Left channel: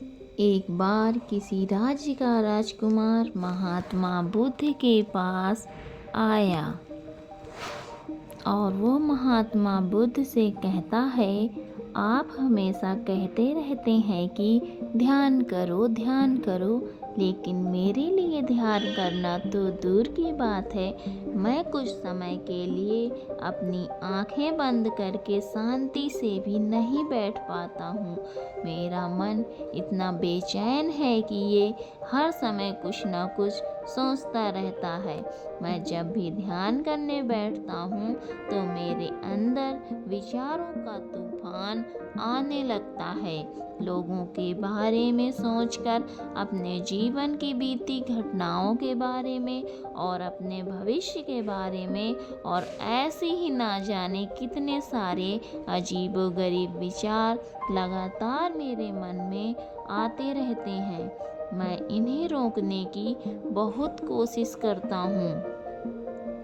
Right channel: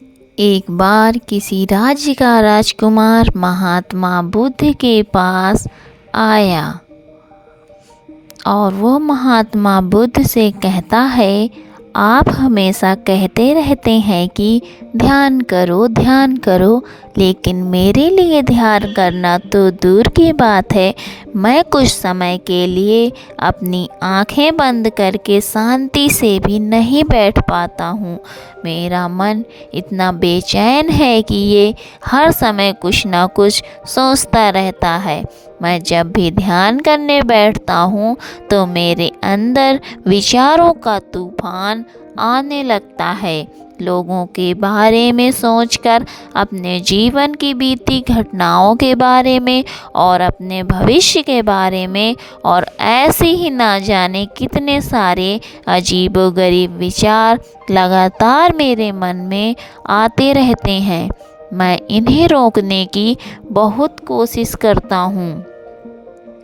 एक बार किसी राज्य का राजकुमार महात्मा बुद्ध के पास आया और वो महात्मा बुद्ध से कहता है, आप हमेशा कहते रहते हैं कि ध्यान करो, लेकिन मेरे लिए ध्यान करना तो दूर की बात है। मैं कुछ समय के लिए अपनी आंखें बंद करके शांति से भी नहीं बैठ पाता हूँ। मेरा मन इतना बेचैन है कि ये हर समय कुछ ना कुछ सोचता रहता है। मैं जब भी ध्यान करने बैठता हूँ तो मेरे अंदर विचारों का तूफान आने लगता है। लोगों के बारे में सोचकर, अपने जीवन की बीती घटनाओं के बारे में और अपने भविष्य के बारे में, और ऐसे ही ना जाने कितने सारे अजीबोगरीब विचार लगातार मेरे मन में आते रहते हैं। मैं इन्हें रोकने की बहुत कोशिश करता हूँ,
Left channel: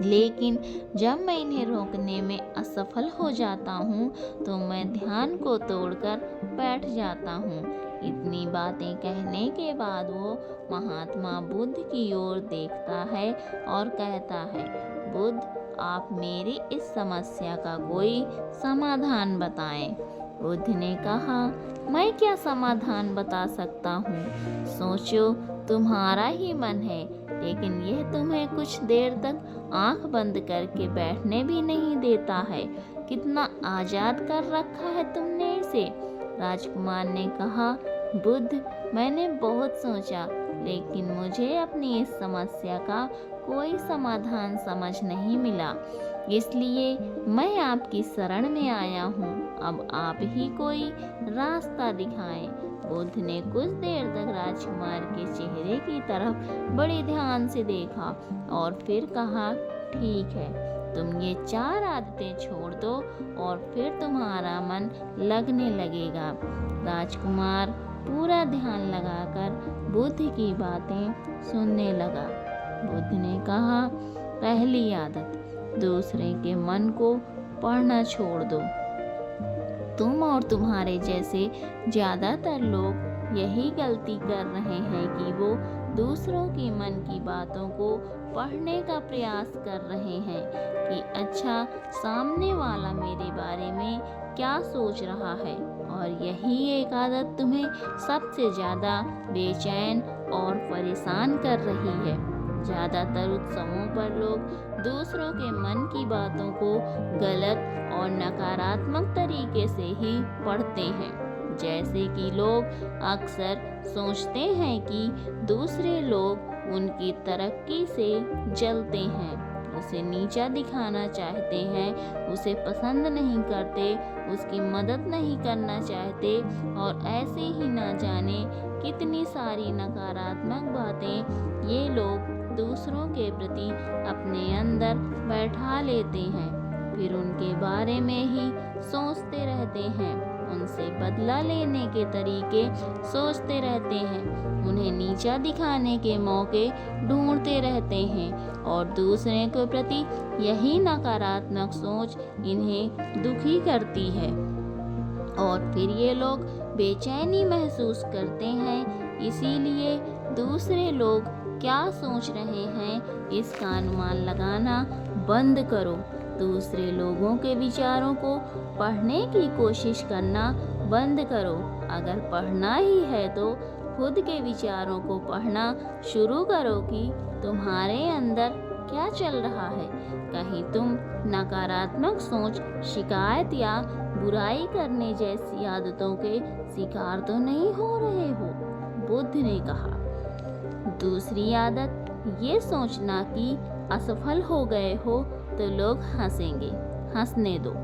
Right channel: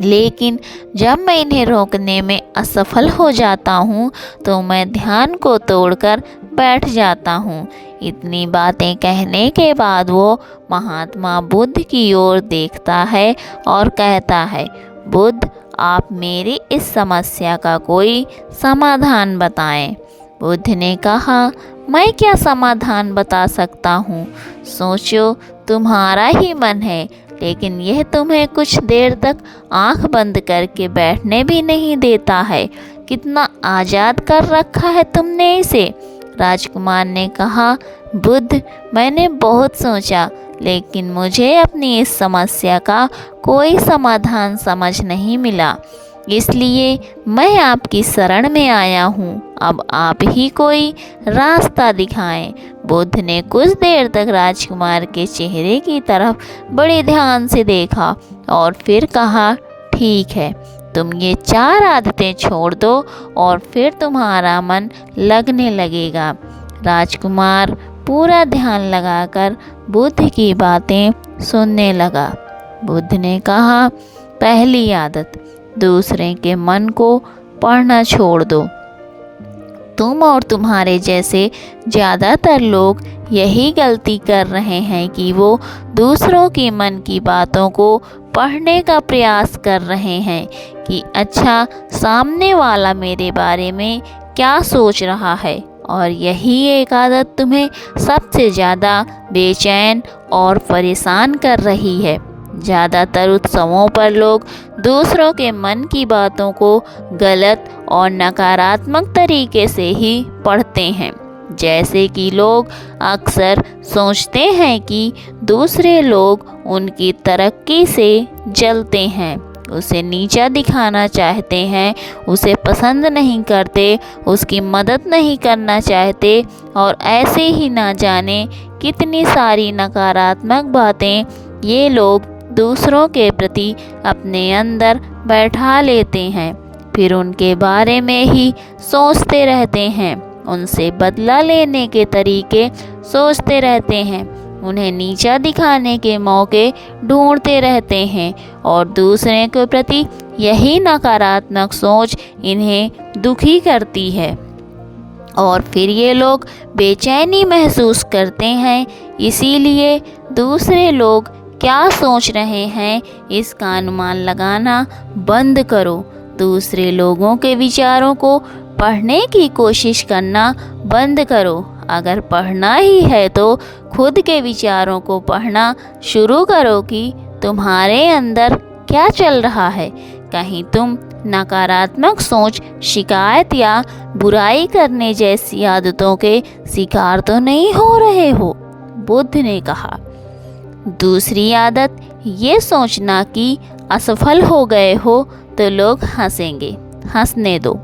लेकिन जब मैं इन्हें रोकने में असफल हो जाता हूँ तो मैं ध्यान को तोड़कर बैठ जाता हूँ। इतनी बातें कहने के बाद वो महात्मा बुद्ध की ओर देखता है और कहता है, बुद्ध, आप मेरी इस समस्या का कोई समाधान बताएं। बुद्ध ने कहा, मैं क्या समाधान बता सकता हूँ? सोचो, तुम्हारा ही मन है, लेकिन यह तुम्हें कुछ देर तक आंख बंद करके बैठने भी नहीं देता है। कितना आज़ाद कर रखा है तुमने इसे। राजकुमार ने कहा, बुद्ध, मैंने बहुत सोचा, लेकिन मुझे अपनी इस समस्या का कोई समाधान समझ नहीं मिला, इसलिए मैं आपकी शरण में आया हूँ। अब आप ही कोई रास्ता दिखाएं। बुद्ध ने कुछ देर तक राजकुमार के चेहरे की तरफ बड़े ध्यान से देखा और फिर कहा, ठीक है, तुम ये 4 आदतें छोड़ दो और फिर तुम्हारा मन लगने लगेगा। राजकुमार पूरा ध्यान लगाकर बुद्ध की बातें सुनने लगा। बुद्ध ने कहा, पहली आदत, दूसरे के मन को पढ़ना छोड़ दो। तुम और तुम्हारे जैसे ज़्यादातर लोग यही गलती कर रहे हैं कि वो दूसरों के मन की बातों को पढ़ने का प्रयास कर रहे हैं कि अच्छा, सामने वाला मेरे बारे में क्या सोच रहा है। और यही एक आदत तुम्हें सबसे ज़्यादा बेचैन और परेशान कर रही है। ज़्यादातर उत्सवों पर लोग दूसरों के मन की बातों को गलत और नकारात्मक तरीके से ही पढ़ते हैं। जैसे कि लोग अक्सर सोचते हैं कि दूसरे लोग उनकी तरक्की से जलते हैं, उसे नीचा दिखाना चाहते हैं, उसे पसंद नहीं करते, उसकी मदद नहीं करना चाहते, और ऐसे ही ना जाने कितनी सारी नकारात्मक बातें ये लोग दूसरों के प्रति अपने अंदर बैठा लेते हैं। फिर उनके बारे में ही सोचते रहते हैं, उनसे बदला लेने के तरीके सोचते रहते हैं, उन्हें नीचा दिखाने के मौके ढूंढते रहते हैं, और दूसरे के प्रति यही नकारात्मक सोच इन्हें दुखी करती है। और फिर ये लोग बेचैनी महसूस करते हैं, इसीलिए दूसरे लोग क्या सोच रहे हैं इसका अनुमान लगाना बंद करो। दूसरे लोगों के विचारों को पढ़ने की कोशिश करना बंद करो। अगर पढ़ना ही है तो खुद के विचारों को पढ़ना शुरू करो कि तुम्हारे अंदर क्या चल रहा है। कहीं तुम नकारात्मक सोच, शिकायत या बुराई करने जैसी आदतों के शिकार तो नहीं हो रहे हो। बुद्ध ने कहा, दूसरी आदत, ये सोचना कि असफल हो गए हो तो लोग हंसेंगे। हंसने दो।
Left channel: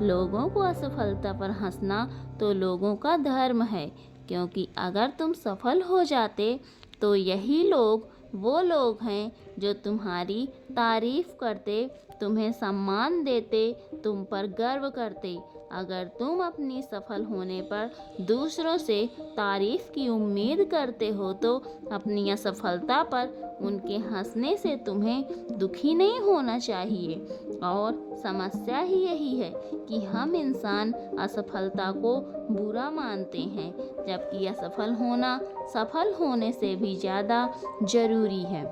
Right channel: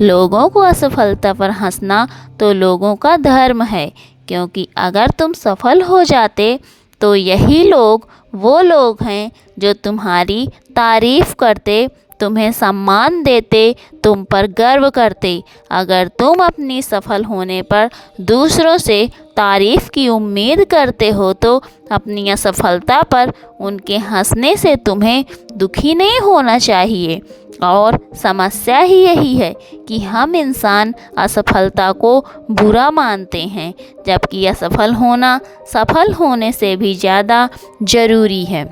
लोगों को असफलता पर हंसना तो लोगों का धर्म है, क्योंकि अगर तुम सफल हो जाते तो यही लोग वो लोग हैं जो तुम्हारी तारीफ करते, तुम्हें सम्मान देते, तुम पर गर्व करते। अगर तुम अपनी सफल होने पर दूसरों से तारीफ की उम्मीद करते हो तो अपनी असफलता पर उनके हंसने से तुम्हें दुखी नहीं होना चाहिए। और समस्या ही यही है कि हम इंसान असफलता को बुरा मानते हैं, जबकि असफल होना सफल होने से भी ज़्यादा ज़रूरी है,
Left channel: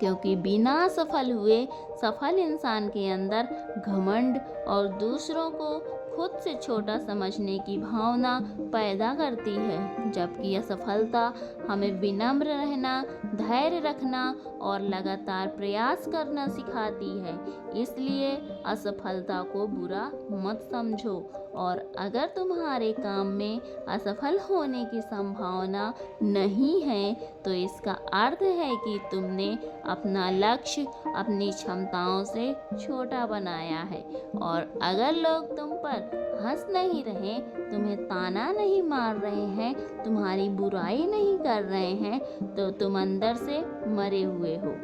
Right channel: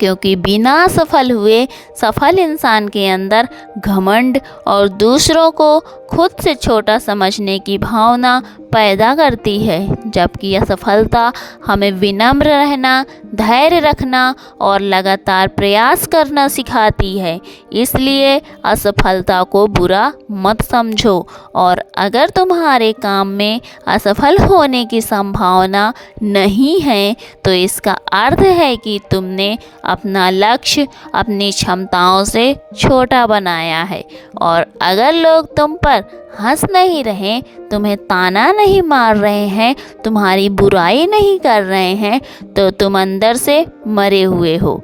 क्योंकि बिना सफल हुए सफल इंसान के अंदर घमंड और दूसरों को खुद से छोटा समझने की भावना पैदा करती है, जबकि असफलता हमें विनम्र रहना, धैर्य रखना और लगातार प्रयास करना सिखाती है। इसलिए असफलता को बुरा मत समझो, और अगर तुम्हारे काम में असफल होने की संभावना नहीं है तो इसका अर्थ है कि तुमने अपना लक्ष्य अपनी क्षमताओं से छोटा बनाया है। और अगर लोग तुम पर हंस नहीं रहे, तुम्हें ताना नहीं मार रहे हैं, तुम्हारी बुराई नहीं कर रहे हैं, तो तुम अंदर से मरे हुए हो।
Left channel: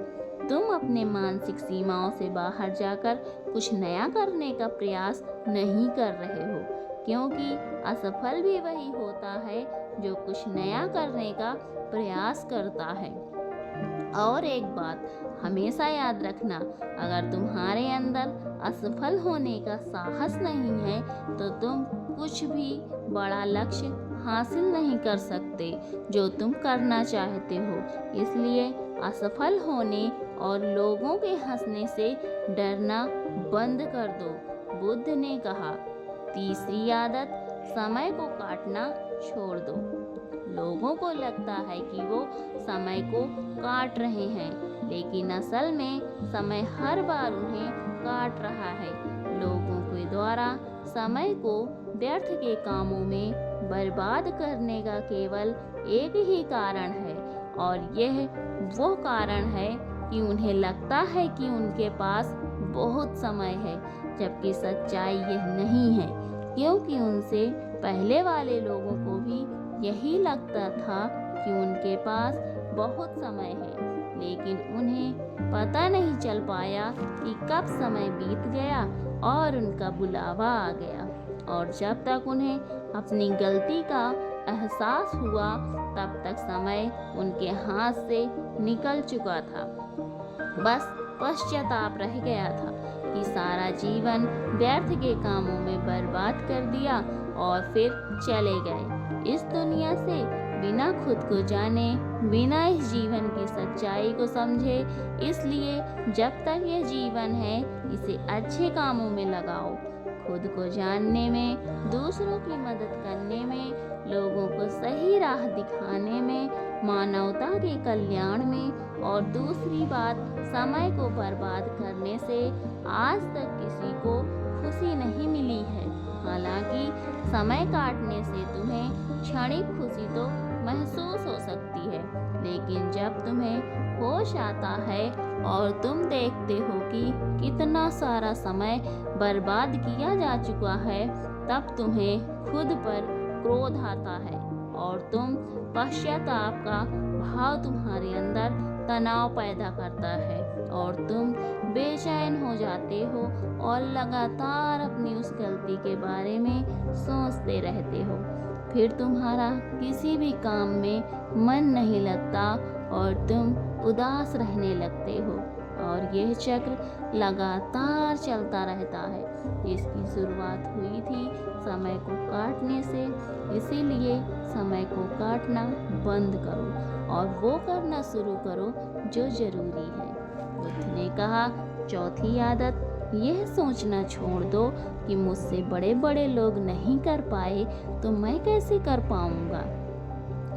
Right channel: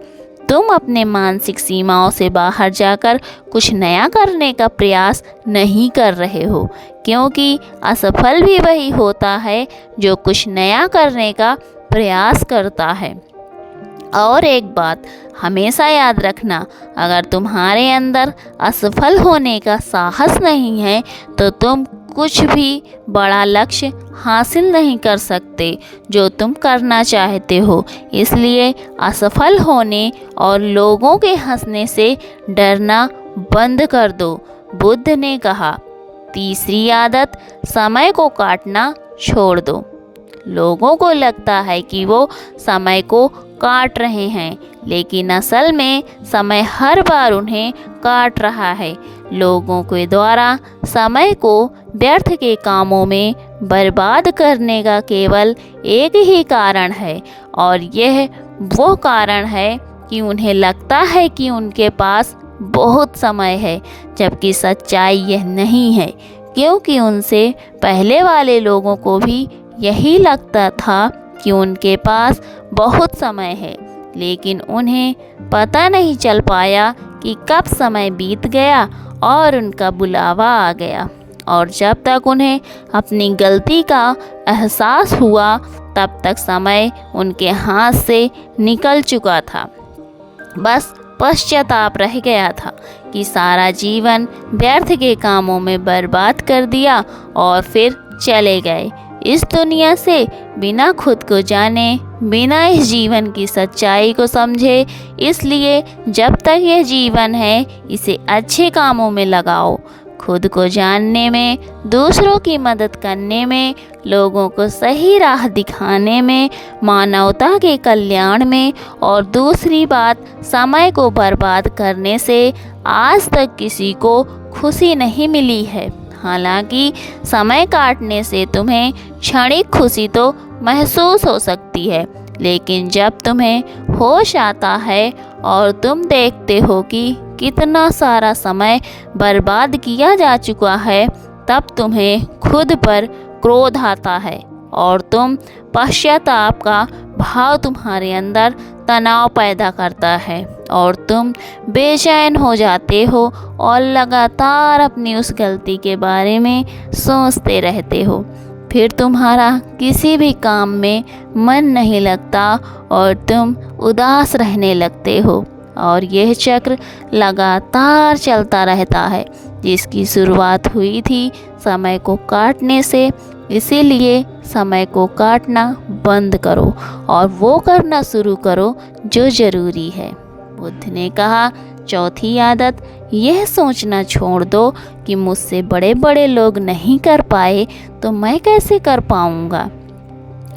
तुम अपने मानसिक सीमाओं से बाहर जाकर कुछ नया करने का प्रयास नहीं कर रहे हो, क्योंकि असफल भी वही होता है जो कुछ नया करने का प्रयास करता है। और एक बात हमेशा याद रखना, अगर तुम्हारे अंदर असफल होने का साहस नहीं है तो तुम कुछ भी बड़ा लक्ष्य हासिल नहीं कर सकते जो तुम करना चाहते हो। इसलिए असफल होने और लोगों के हंसने से डरना बंद कर दो। बुद्ध ने कहा, तीसरी आदत, समय को काटना छोड़ दो। लोगों को लगता है कि वो समय को काट रहे हैं, लेकिन असल में समय हर बार उन्हें काट रहा है। लोगों के द्वारा समय को व्यर्थ के कामों में बर्बाद करने का केवल एक ही कारण है, और यह वो कारण है कि उन्हें लगता है कि उनके पास बहुत समय है, जबकि सच्चाई यह नहीं है, क्योंकि उनसे पहले वाले लोगों को भी यही लगता था कि उनके पास बहुत समय है, लेकिन उन्हें पता नहीं चल पाया कि कब समय बीत गया और उनका बुलावा आ गया। और जब तक उन्हें अपनी गलती का एहसास हुआ तब तक समय उनके हाथ से निकल चुका था। बस पश्चाताप रह गया था कि सारा जीवन व्यर्थ के कामों में बर्बाद कर दिया और फिर चले गए इस दुनिया से बिना खुद को जाने, बिना इस जीवन की सच्चाई को समझे। इसलिए जब तक यह जीवन है इसे अच्छे कामों में लगाओ, खुद को जानने में, दूसरों की मदद करने में, लोगों को सही राह दिखाने में, मानवता के कल्याण में। और दूसरी बात, समय को बर्बाद करने से आज तक किसी को खुशी नहीं मिली है। हालांकि समय काटने से तुम्हें क्षणिक खुशी तो महसूस हो सकती है, लेकिन जब तुम्हें होश आता है और तुम देखते हो कि कितना सारा समय बर्बाद किया जा चुका है, तब तुम्हें खुद पर क्रोध आता है और तुम पश्चाताप का भाव तुम्हारे अंदर तनाव पैदा करता है और तुम बेचैन हो जाते हो और लगातार अपनी उस गलती के बारे में सोचते रहते हो। फिर तुम्हारा किसी भी काम में मन नहीं लगता और तुम उदास रहने लगते हो, और यह चक्र लगातार चलता रहता है जिसकी शुरुआत हुई थी समय को काटने से। इसीलिए समय को काटना बंद करो और वो करना शुरू करो जो ज़रूरी है। बुद्ध ने कहा, चौथी आदत, यह सोचना छोड़ दो कि मुझसे बड़े बड़े लोग नहीं कर पाए तो मैं कैसे कर पाऊँगा।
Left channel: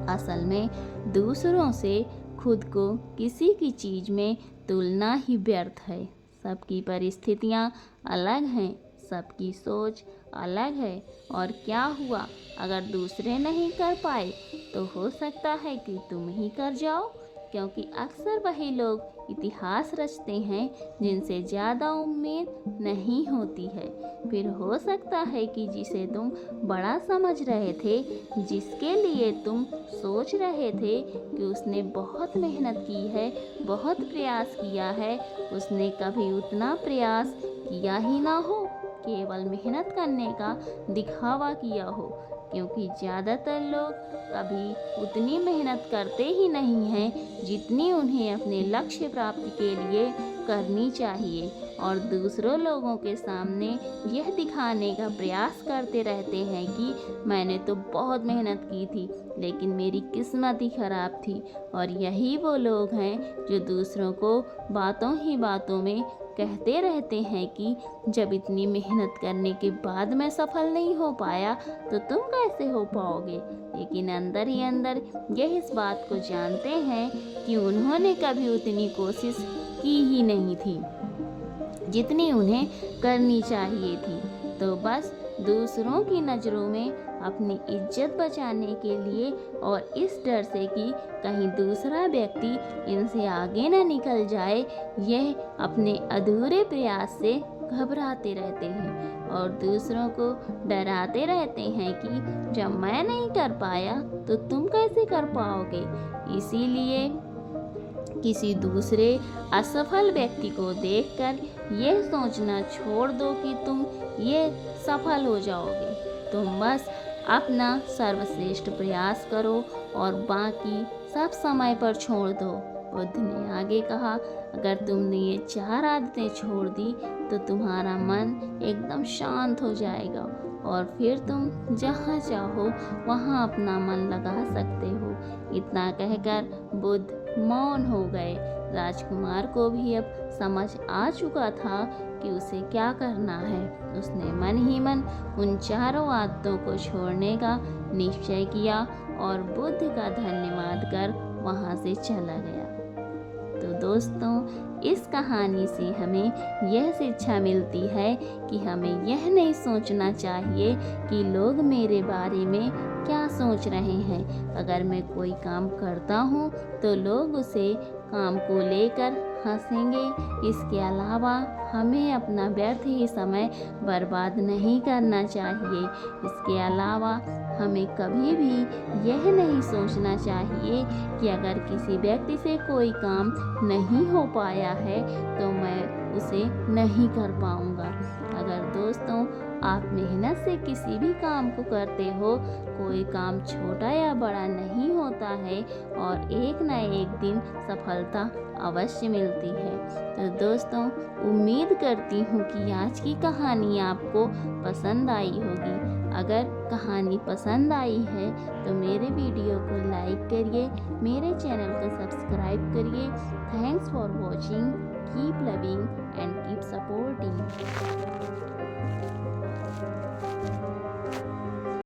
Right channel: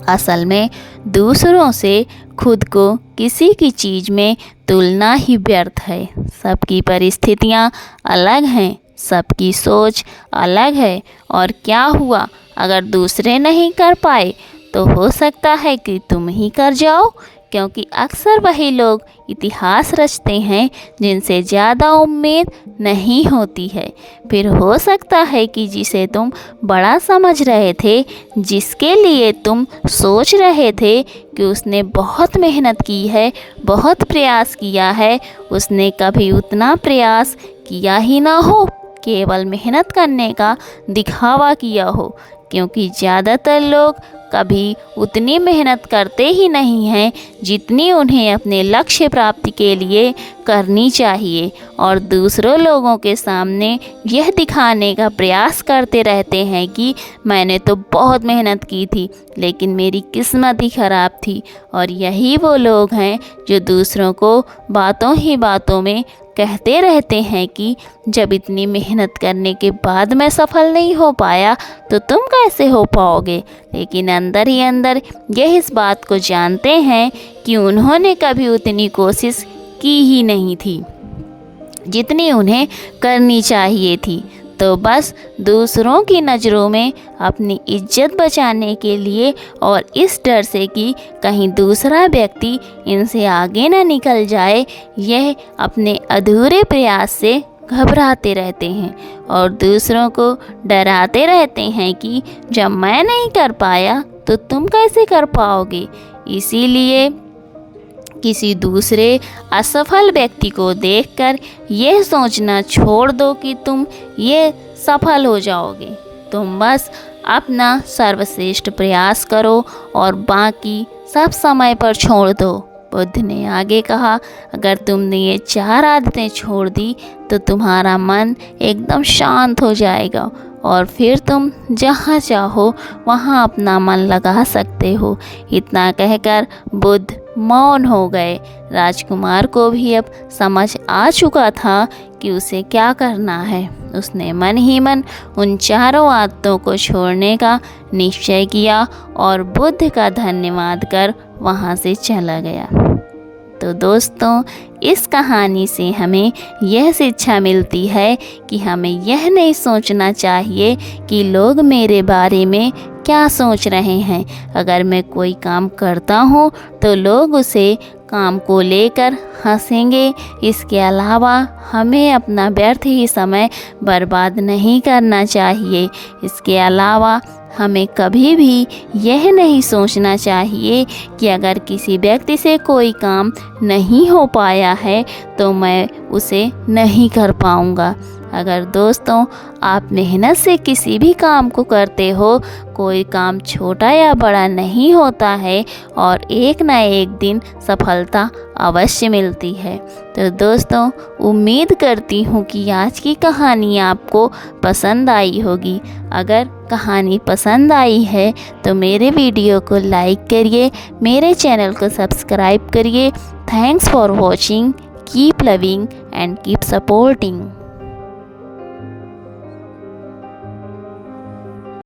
असल में दूसरों से खुद को किसी की चीज़ में तुलना ही व्यर्थ है। सबकी परिस्थितियाँ अलग हैं, सबकी सोच अलग है, और क्या हुआ अगर दूसरे नहीं कर पाए तो हो सकता है कि तुम ही कर जाओ। क्योंकि अक्सर वही लोग इतिहास रचते हैं जिनसे ज़्यादा उम्मीद नहीं होती है। फिर हो सकता है कि जिसे तुम बड़ा समझ रहे थे, जिसके लिए तुम सोच रहे थे कि उसने बहुत मेहनत की है, बहुत प्रयास किया है, उसने कभी उतना प्रयास किया ही ना हो, केवल मेहनत करने का दिखावा किया हो। क्योंकि ज़्यादातर लोग कभी उतनी मेहनत करते ही नहीं हैं जितनी उन्हें अपने लक्ष्य प्राप्ति के लिए करनी चाहिए, और दूसरों लोगों के सामने यह दिखाने का प्रयास करते रहते हैं कि मैंने तो बहुत मेहनत की थी लेकिन मेरी किस्मत ही ख़राब थी। और यही वो लोग हैं जो दूसरों को बातों ही बातों में कहते रहते हैं कि जब इतनी मेहनत करने के बाद मैं सफल नहीं हो पाया तो तुम कैसे हो पाओगे, लेकिन अंदर ही अंदर यह इस बात को जानते हैं कि उन्होंने कभी उतनी कोशिश की ही नहीं थी जितनी उन्हें करनी चाहिए थी। तो बस दूसरों की नज़रों में अपनी इज्जत बचाने के लिए और इस डर से कि कहीं दूसरा व्यक्ति इनसे आगे ना निकल जाए, यह अपने अधूरे प्रयास से घबराते रहते हैं और दूसरों को डराते रहते हैं कि जब मैं नहीं कर पाया तो तुम कैसे कर पाओगे। इसीलिए किसी दूसरे असफल व्यक्ति को देखकर यह सोचना छोड़ दो कि तुम ये सफल हो जाओगे। तुम बस अपना सर्वश्रेष्ठ प्रयास करो और बाकी सब समय पर छोड़ दो। बुद्ध ने आगे कहा, अगर तुमने ये 4 आदतें छोड़ दी तो तुम्हारा मन एकदम शांत हो जाएगा और फिर तुम जहाँ चाहो वहाँ अपना मन लगा सकते हो। इतना कहकर बुद्ध मौन हो गए। राजकुमार को भी अब समझ आ चुका था कि उसे क्या करना है। उसने मन ही मन उन 4 आदतों को छोड़ने का निश्चय किया और बुद्ध का धन्यवाद कर वहाँ से चला गया। तो दोस्तों, इस कहानी से हमें यह शिक्षा मिलती है कि हमें यह नहीं सोचना चाहिए कि लोग मेरे बारे में क्या सोच रहे हैं। अगर मैं कोई काम करता हूँ तो लोग उसे काम को लेकर हंसेंगे। इसके अलावा हमें अपना व्यर्थ ही समय बर्बाद नहीं करना चाहिए। इसके अलावा हमें कभी भी यह नहीं सोचना चाहिए कि अगर किसी व्यक्ति से कोई काम नहीं हो पाया है तो मैं उसे नहीं कर पाऊँगा। अगर दोस्तों आप मेहनत से किसी भी काम को करते हो, कोई काम छोटा या बड़ा नहीं होता है और एक ना एक दिन सफलता अवश्य मिलती है। तो दोस्तों, उम्मीद करती हूँ कि आज की कहानी आपको पसंद आई होगी। अगर कहानी पसंद आई है तो मेरे वीडियो को लाइक करिए, मेरे चैनल को सब्सक्राइब करिए। Thanks for watching. Keep loving and keep supporting.